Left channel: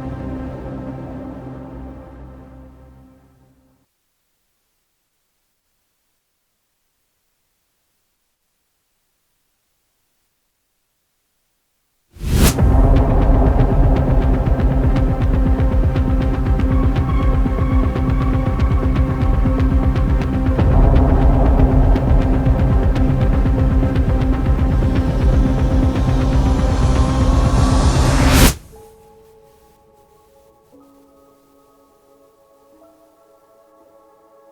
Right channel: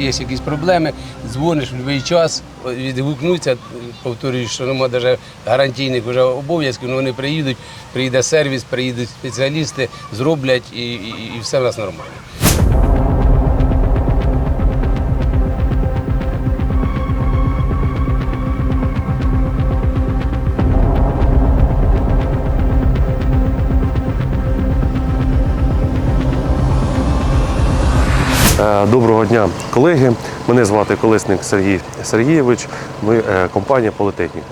якщо є якісь проблеми, дзвониш в будь-який час, відгукнуться, повторюю, що немає навіть гарантійних вже обов'язків, але вони приїдуть, приїде сервіс, приїдуть спеціалісти, зроблять і, і, і все в нас нормально. Доброго дня, колеги. Мене звати Колесник Сергій Сергійович. Ми е, компанія Політехніка.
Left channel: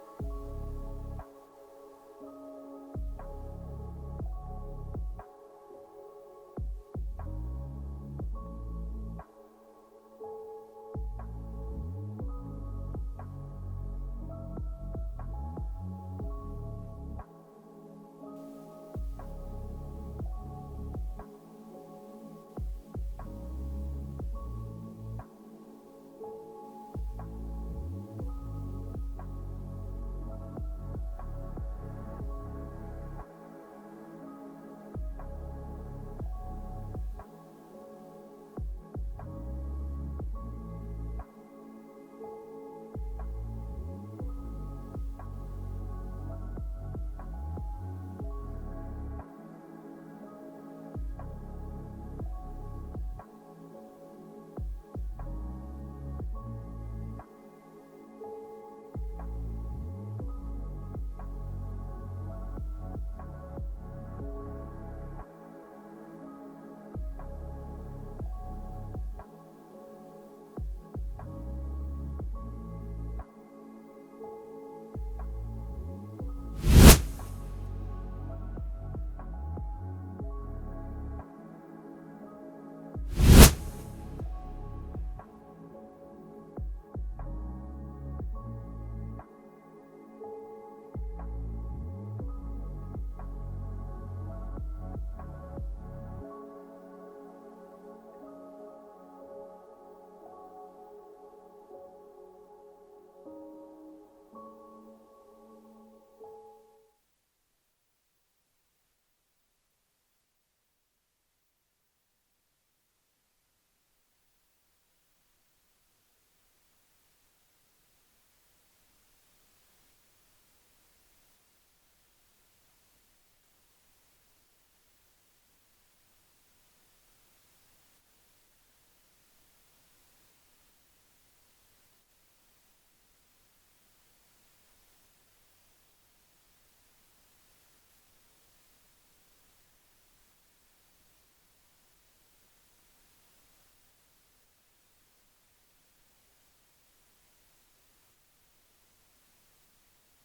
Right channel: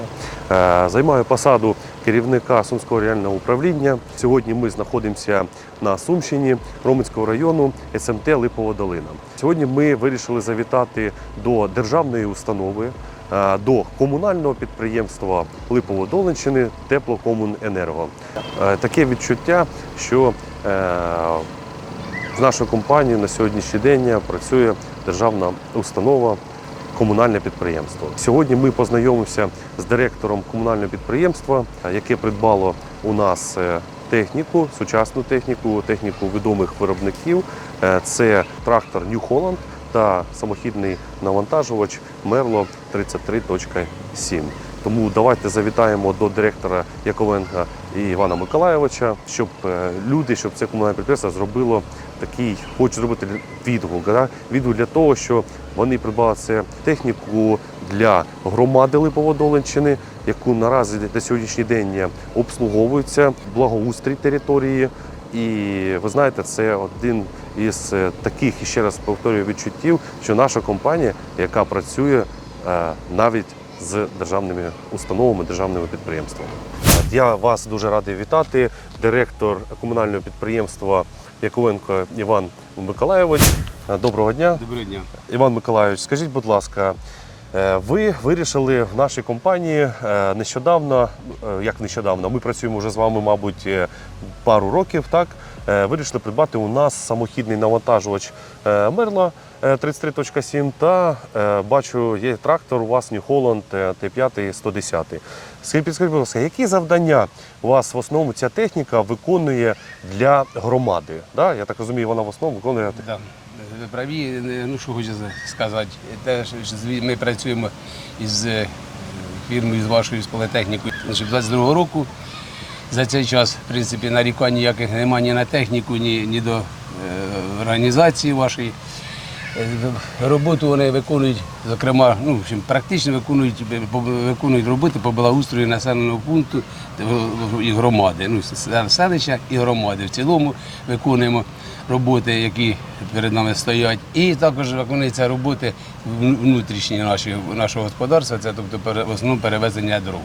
Е, Займаю посаду керівника Сумського регіонального управління. Сьогодні ми знаходимося на Сумщині Роменського району СМТ Липова Долина. Сьогодні ми вирішили завітати до державної установи. е, До комунального підприємства Липово-Долинщини Теплокомуненерго. Е, Таке відчуття, що е, в нашій компанії на сьогоднішній день працює державна установа. Комунальне підприємство. Сьогодні ми познайомимося з директором комунального підприємства, яке придбало у нас е, техніку, сучасну техніку, техніку відомих виробників. Е, Це трактор New Holland та самохідний навантажувач Merlo 33.7. Тому давайте завітаємо до директора Яковенка і Івана Миколаєвича, щоб е, люди, щоб це комунальне підприємство зробило такий, хочу зробити відгук. Да? Відгук для того, що вони придбали це техніку для громади Липоводолинщини, яку наразі на сьогоднішній день обслуговується благоустрій території. І ви знаєте, це один із е, таких, і ще раз повторюю, відчуттів, що наша компанія, яка працює е, навіть з державними установами, державними підприємствами. Я вас дуже радий вітати. Директор комунального підприємства Яковенко Іван Миколаєвич. Доброго дня. Доброго дня. Іван Миколаївич, скажіть, будь ласка, ви вирішили в нашій компанії е, нещодавно, е, як нещодавно, ми працюємо вже з вами, мабуть, е, пару років, так? Е, Вирішили придбати у нас самохідний навантажувач е, Мерла е, 33.7 та е, бачу, є трактор у вас е, Т5 110. Скажіть, підскажіть, будь ласка, які завдання у вас в основному ця техніка виконує для громади? Да? Я так розумію, вона в основному виконує Да. Праві, ну що хочу сказати, те, що ми працюємо із е, фірмою, з вашою з політехнікою. Значить, 22 року за цей час, в принципі, нарікань ніяких немає ні на техніку, ні, ні до е, організації вашої. Е, Роботу вони виконують, зокрема, ну, практично виконують, виконують роботи по благоустрою населеного пункту і громади. Ну, селища і громади. В цілому виконуємо роботи, які перед нами стоять. І також виконуються роботи вну- внутрішні наші, нашого господарства, це тобто в основному перевезення дров.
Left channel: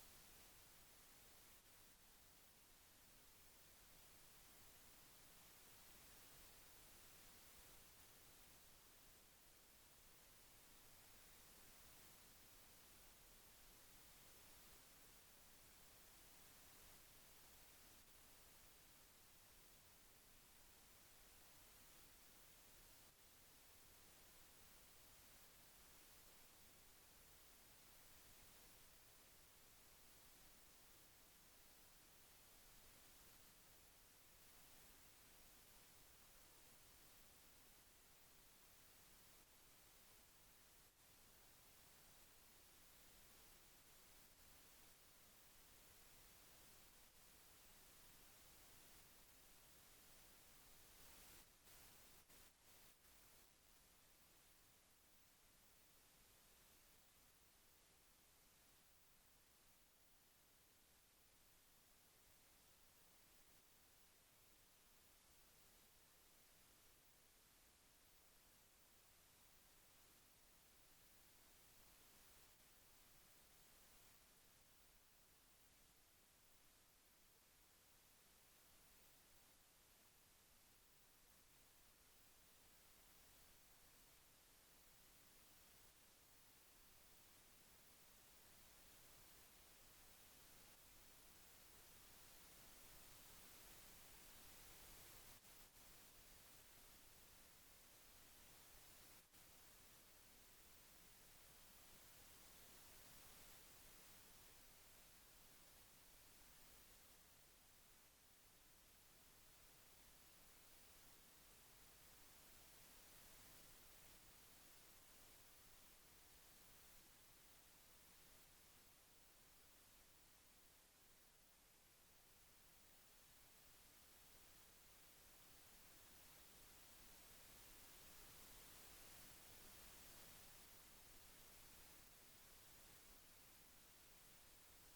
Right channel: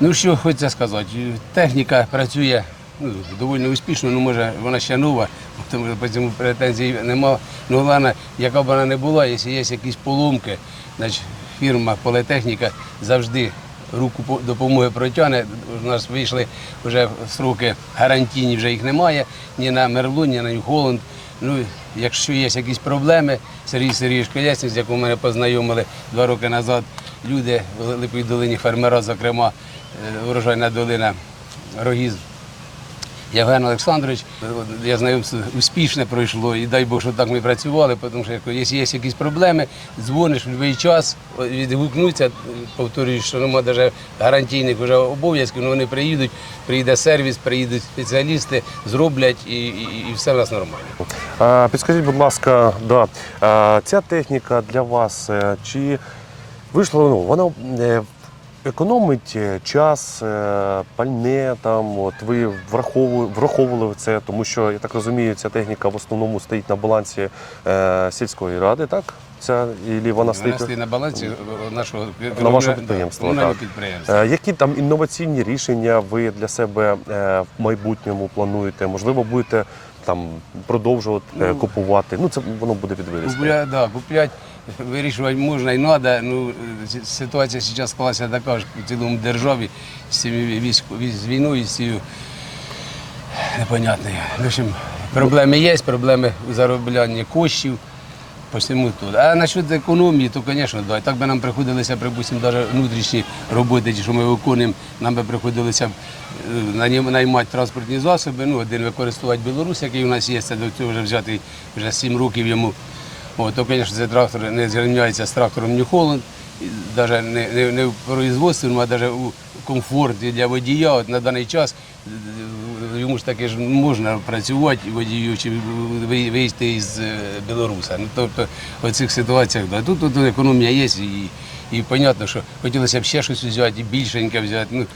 Ну що хочеться сказати, техніка працює ну, доволі успішно, ну може вона ще нова, тому що по цьому претензій немає. Ну головне, яка б вона не була, якщо є якісь поломки, значить фірма політехніка завжди руку допомоги протягне. У нас вийшли вже сроки гарантійні, вже їх немає, ні на Мерлу, ні на Нью-Холланд. Ну, якщо є якісь проблеми, Сергій Сергійович Колясник, з яким мене познайомили два роки назад, люди в Липовій долині, фермера, зокрема, е, урожайна долина Рогіз, Євген Олександрович, я знайомство успішне пройшло, і дай Бог, що так ми працювали, тому що якщо є якісь проблеми, дзвониш в будь-який час, відгукнуться, повторюю, що немає навіть гарантійних вже обов'язків, але вони приїдуть, приїде сервіс, приїдуть спеціалісти, зроблять і, і, і все в нас нормально. Підскажіть, будь ласка, да, ця техніка для вас е, чи вийшла, ну, вона е, економить е, час, е, пальне, там, от, ви враховували, враховували це, тому що, я так розумію, ця техніка в основному стоїть на балансі е, сільської ради, так? Ця, і вона Вона стоїть... стоїть на балансі нашого На вашого підприємства, так. підприємства. Е, Які там інноваційні рішення ви для себе е, в майбутньому плануєте? Можливо, будете там продовжувати е, Ну, купувати? Ну це воно буде підвирізти. Купля, да, куплять вирішувати можна і треба. Ну, ситуація зараз склалася така ж в цілому державі з цими військ- з війною, з цією непонятною. В общем, проблеми є, проблеми у зароблянні коштів. По всьому тут. А насчет економії, то, звісно, да. Так би нам приходилося, припустимо, навіть внутрішні роботи, що ми виконуємо, нам би приходилося е, наймати транспортні засоби. Ну, один використовувати Білорусь, який у нас є, це до цього вже взяти вже 7 років йому. О, то, звісно, цей трактор не зрівняється з трактором Holland, навіть не, не, не в производственному, а навіть у комфорті для водія. От на даний час е, йому ж таки ж можна працювати водію чи ви- виїзти із е, Білоруса. Ну, тобто в цих ситуаціях да. тут, тут економія є і, і зрозуміло, що хотілося б ще щось взяти, і більшеньке взяти. Ну,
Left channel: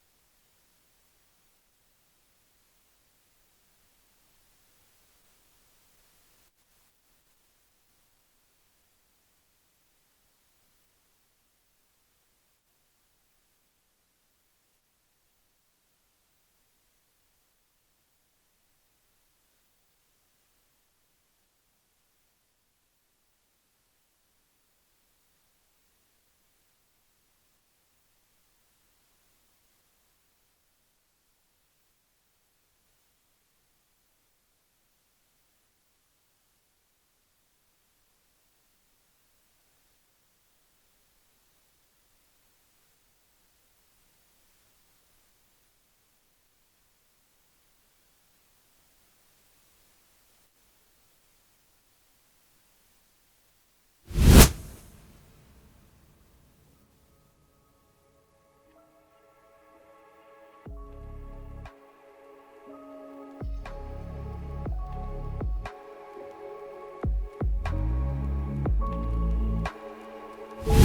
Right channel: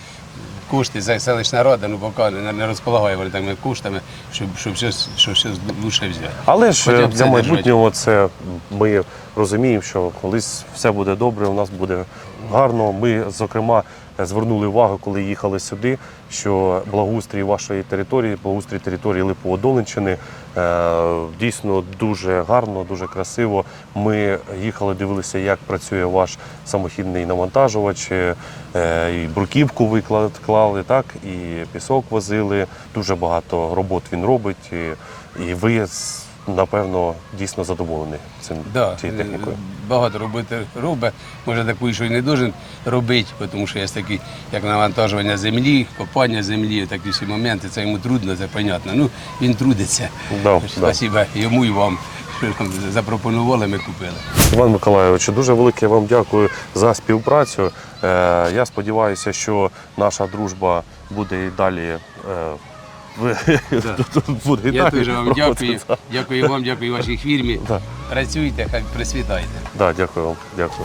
кошти за селищна рада, ну поки не, не розполагає вони такими коштами, щоб, щоб щось, щоб щось лучше взяти. Але ж Хоча е, для це майбутнього це ми розуміємо, що колись все буде добре, у нас буде гарно. Ми, зокрема, звернули увагу, коли їхали сюди, що благоустрій вашої території, благоустрій території Липово-Долинщини е, дійсно дуже гарно, дуже красиво. Ми їхали, дивилися, як працює ваш самохідний навантажувач. е, І бруківку виклали, так, і пісок возили. Дуже багато робот він робить. І, і ви напевно дійсно задоволені цим Да, цією е, технікою. багато роботи робить. Може таку, що й не должен робити, тому що є такі, як навантажування землі, копання землі, такі всі моменти. Це йому трудно, це понятно. Ну, він трудиться. Да, Спасибо йому і вам, запропонували, ми купили. Іван Миколайович, дуже велике вам дякую за співпрацю. Е, Я сподіваюся, що наша дружба буде і далі. Ви- Я дуже вам дякую. Дякую вам, дякую вашій фірмі. Працюйте, хай присвітайте. Дякую вам. Дякую.